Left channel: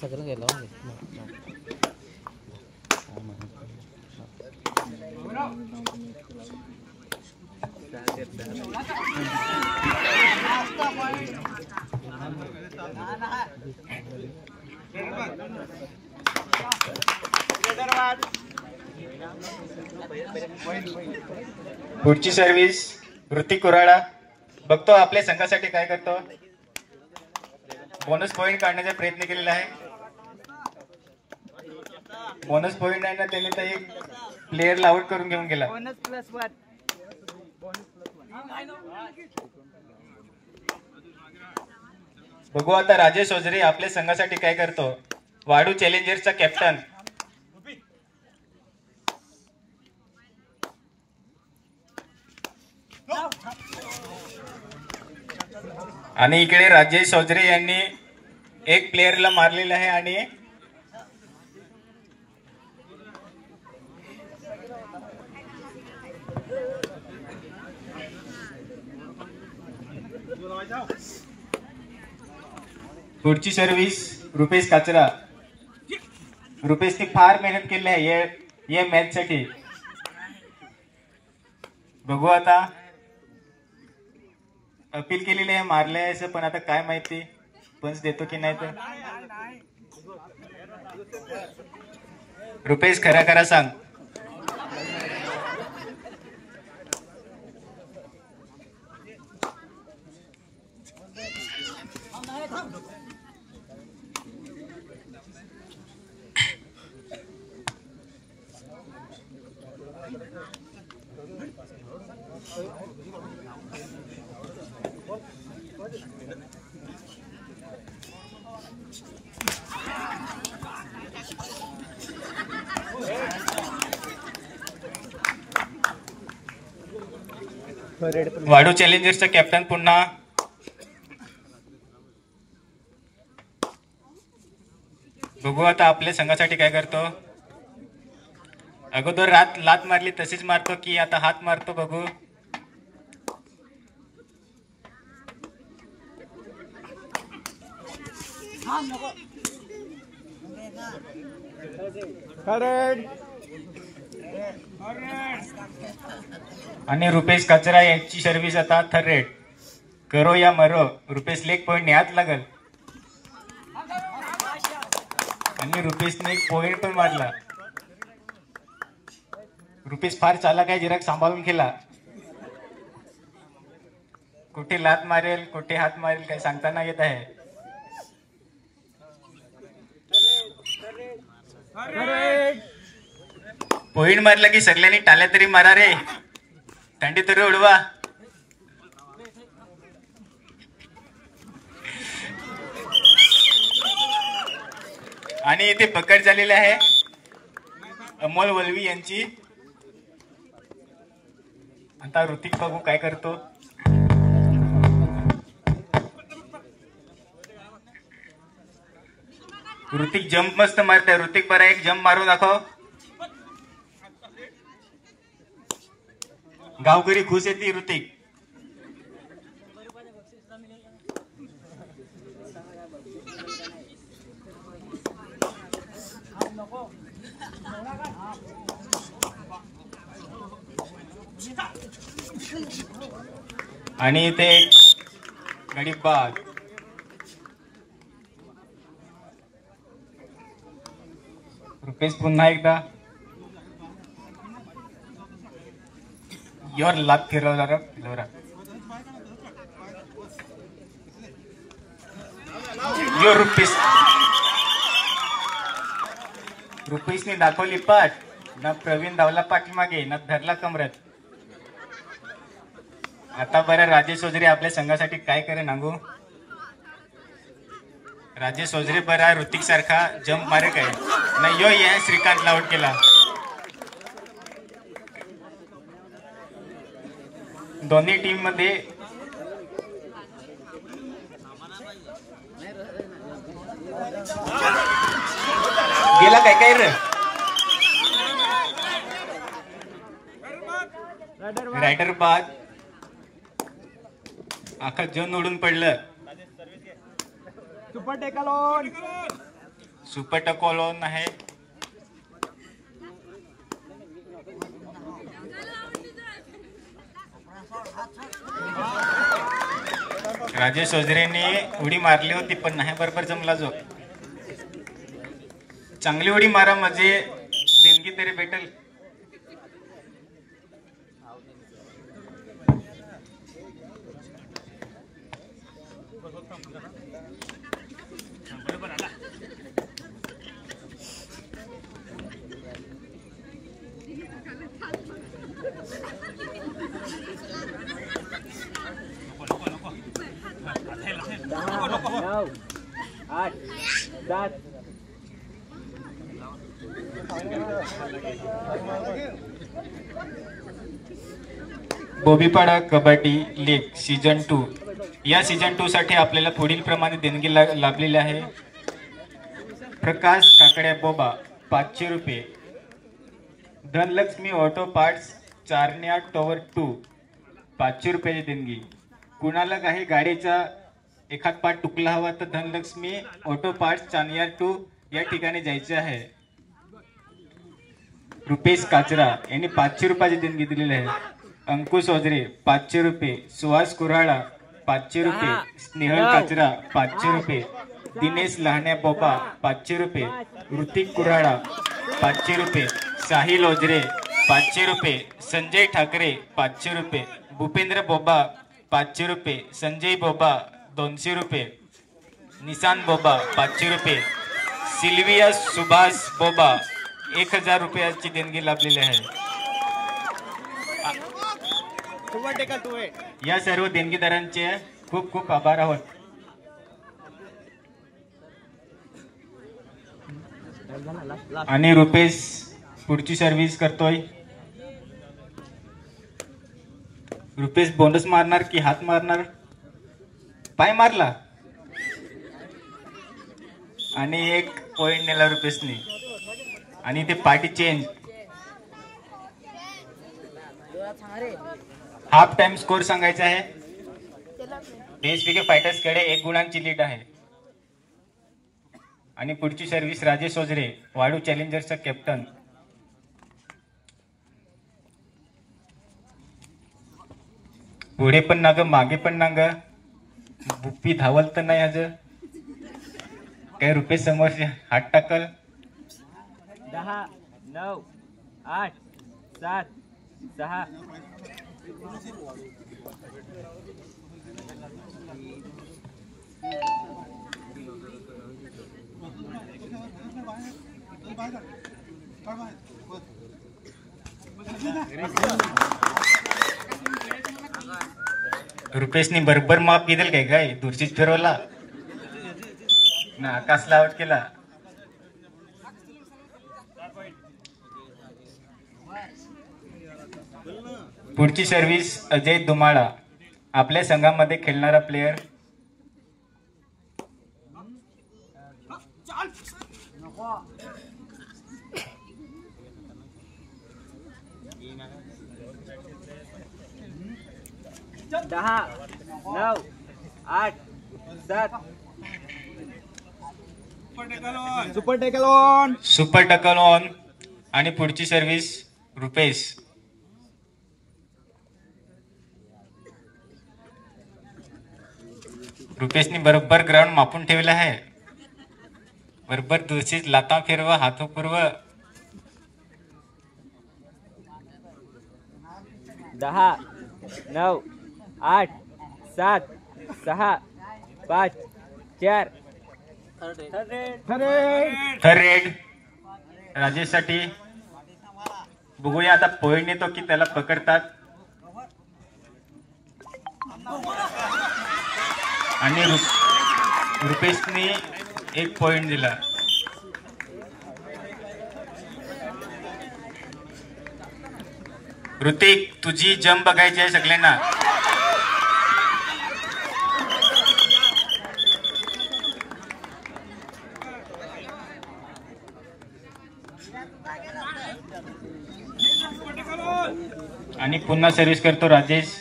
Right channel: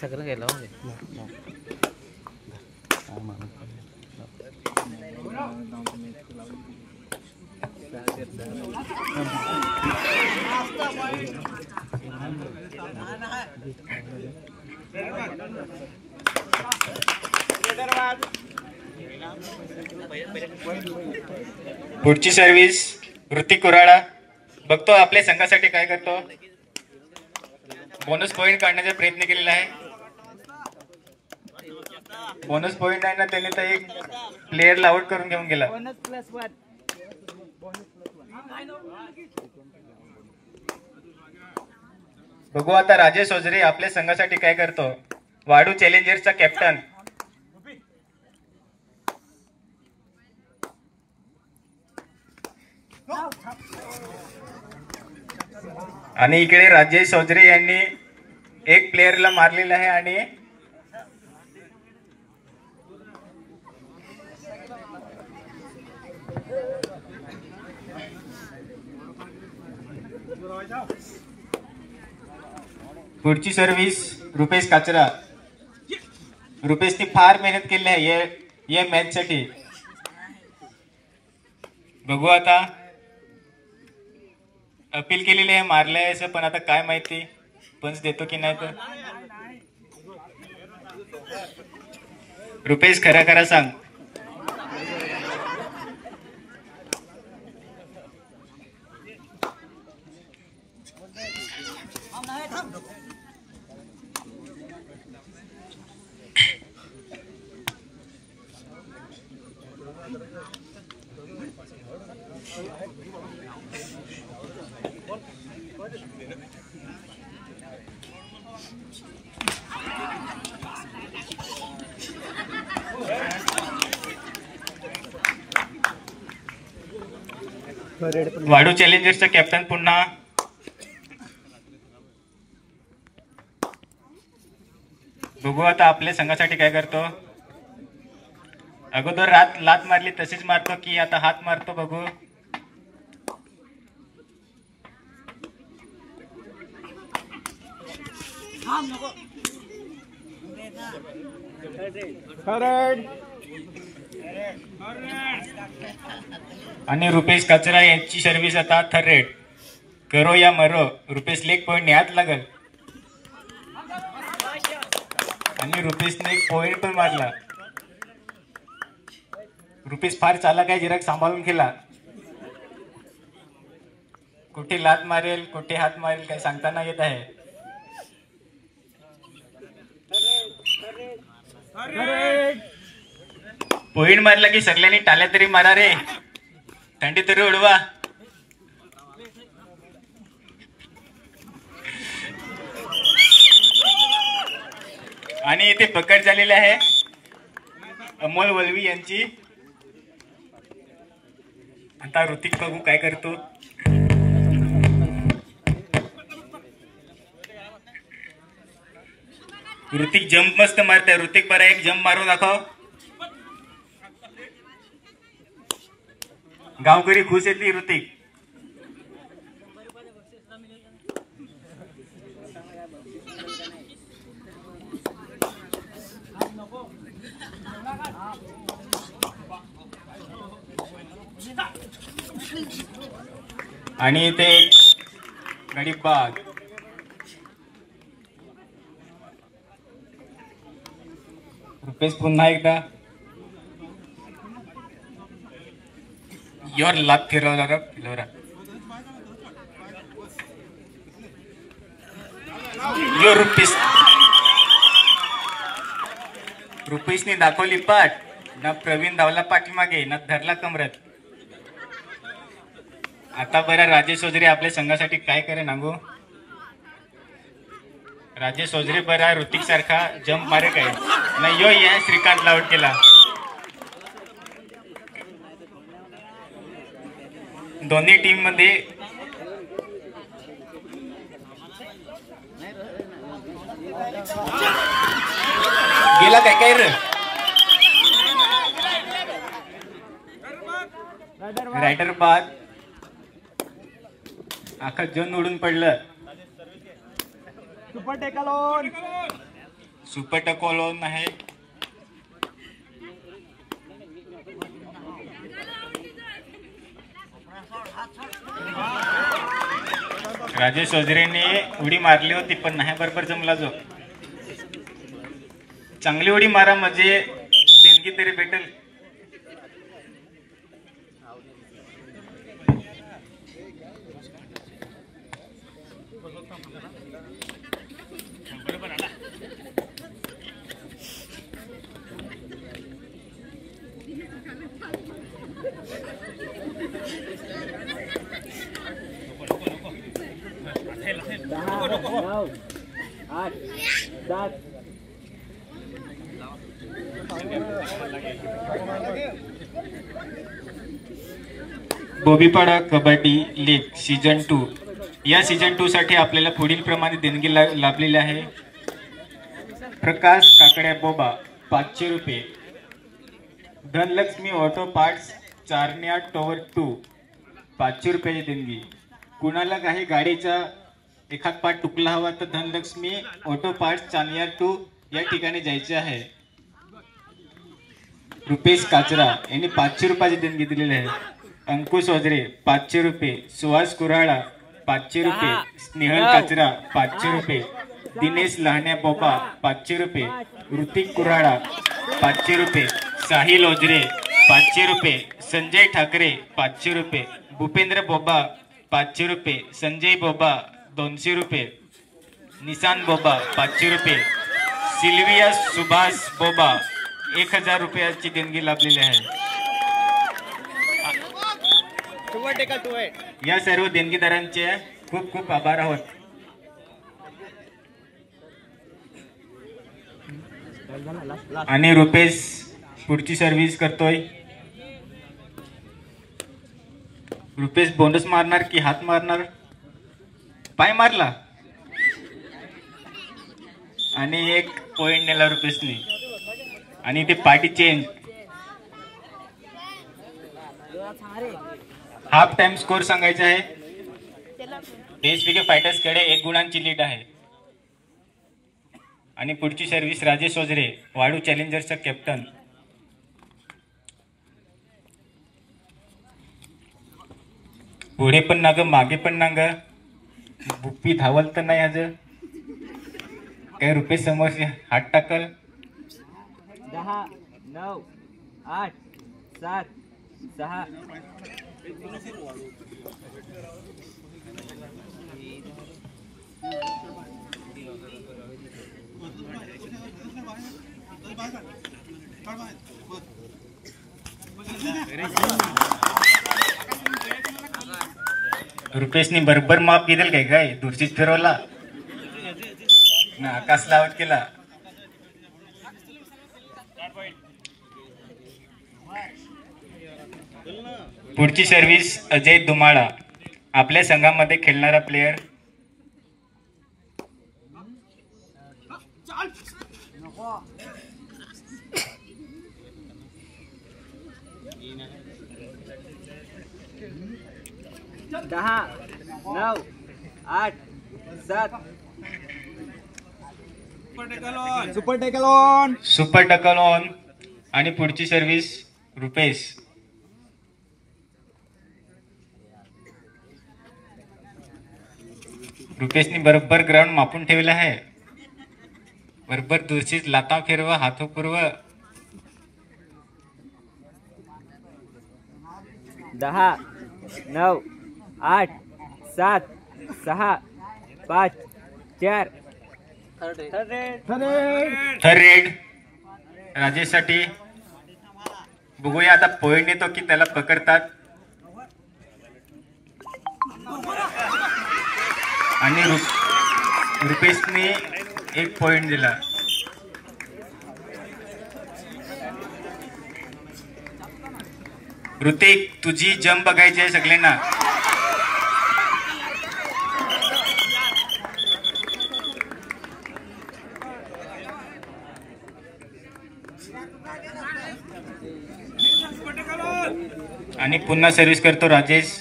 सगळं गेलं पुढची सर्व्हिस ऋतिक कुराडा बघतो आपल्या संघासाठी काय करतो. बोनस पॉइंट काढण्याचा प्रयत्न केलेला आहे. बोनस पॉइंट आहे ना त्याने तर एक प्लेयरला आउट करून घेऊन गेला. बघू आता राजेश ओझरे आपल्या संघासाठी काय करतो. वाडू चॅलेंजर्सचा कॅप्टन आणि इकडे राजेश चौधरी यांनी एक प्लेयरला मारलेला आहे आणि पुढची सर्व्हिस रुपेश काचरा. रुपेशने फार मेहनत केली आहे या मॅच साठी. बघू आता अपील केलेली आहे मारलंय असं पण आता काय माहिती पंच देतो की नाही. तर रुपेश खरा खरा सांग. वाडू चॅलेंजर्सचा कॅप्टन पुन्हा बघू आता आपल्या संघासाठी काय करतो. अगोदर लात मारली तशीच मारतो की आता हात मारतो. बघू आणि रुपेश कचरा यांची सर्व्हिस आता थर्ड रेड. करो या मरो. रुपेश लेग पॉइंट ने हात लागल आणि रुपेशने एक पॉइंट पण मारला. रुपेश फार चालाक आहे. जरा सांभाळून खेळा. कुठे लात मारेल कुठे हात मारेल काही सांगताना येत आहे. पॉइंट मारला की सगळ्यांनी टाळ्या तरी मारा रे. थंडी तरी उडवा. आणि इथे पकड झालेली आहे अमोल वलवी यांची. आता ऋतिक बघू काय करतो. ऋतिक जंप मस्त मारतोय. ऋतिक बरा एक जंप मारून दाखव. गावकरी खुश येते ऋतिक. आणि इथे गडीप बाग. रुपेश पुन्हा एकदा योर लाभ फिरवला फिरवला. यो रुपेशने दाखवली पाठ ना. प्रवीण धावला पाठीमागे ना धरला कमरत. आता बरं राजेश चौधरी आपल्या संघासाठी काय करे नांगू. राजेश चौधरी बरा ऋतिक सारखा जंप मारे काय नाही. यो ये श्रीकांत आउट केला. दोन्ही टीम मध्ये गेला काय काय रे. रायडर बाद आखा जन उडून पडलं. सुपर टेकल ऑन. सुपर टकोलोन आहे. राजेश ओझरेने उडी मारली होती पण नाही बरोबर जमला. जो चांगली उडी मारा म्हणजे देणगी तरी भेटेल. बोबीपाडा कबड्डी लीग सीझन 2. या सीझन 2 साठी आपल्याला पुढील प्रमाणे देणगी लाभलेली आहे. प्रकाश काकड्या बोबा 500 रुपये. धनलक्ष्मी ऑटो पार्ट्स चारण्या टॉवर 2 500 रुपयाची देणगी. कुणाला काही गाडीचा एखाद पार्ट तुकला हवा तर धनलक्ष्मी ऑटो पार्ट्स चारण्या 2 या ठिकाणी जायचे आहे. रुपेश काचरा यांनी 500 रुपयाची देणगी दिलेली आहे. अंकुश ओझरे 500 रुपये. सुहास कुराळा 500 रुपये. स्नेहल काचरा 500 रुपये. दिनेश लहाण्या बोबा 500 रुपये. ऋतिक कुराळा 500 रुपये. साहिल ओझरे 500 रुपये. संजय ठाकरे 500 रुपये. भूपेंद्र बोबा 500 रुपये. संजय बोबा 200 रुपये. निशांत बोबा 500 रुपये. सिल्विया सुभाष बोबा 1000 रुपयाची देणगी लाभलेली आहे. या सर्व देणगीदारांचे खूप खूप आभार आहोत. आणि रुपेश पुढची सर्व्हिस करतोय. रुपेश बोनस मारणार की हात मारणार? पाय मारला आणि एक पॉइंट नेला रुपेशने. आणि ते party change. Half time score सांगायचा आहे. देशविके फायटर्स कडे 1 गुणांची लीड आहे. आणि पुढची सर्व्हिस राजेश ओझरे वाडू चॅलेंजर्सचा कॅप्टन. पुढे पण ना ग मागे पण ना ग. बुप्पी धावल तर नाही आज. त्या रुपेश समोर हात टाकल. 10 9 8 7 6 रुपेशनी बरोबर माप घेतल काय दूरशीच फिरवला ना आकाश लावत केला. पुढची सर्व्हिस अजय दुमाळा आपल्या संघामध्ये खेळणारा प्लेयर. दहा 9 8 7 सुपर टकल ऑन. आणि पुढची सर्व्हिस रुपेश. रुपेशनी बरोबर ग्राउंड मापून ठेवला आहे. बरोबर दूरशीच लाता फिरवा हातो पूर्व. 10 9 8 7 6 5 4 थर्ड रेड राजेश साठी. बघूया आता पॉइंट येतो की त्याला पकडतात. आणि रुपेशने 1 पॉइंट दिला. ऋतिक तुझी जंप बघायची आहे सगळ्यांना. आणि पुन्हा सर्व्हिस करतो राजेश.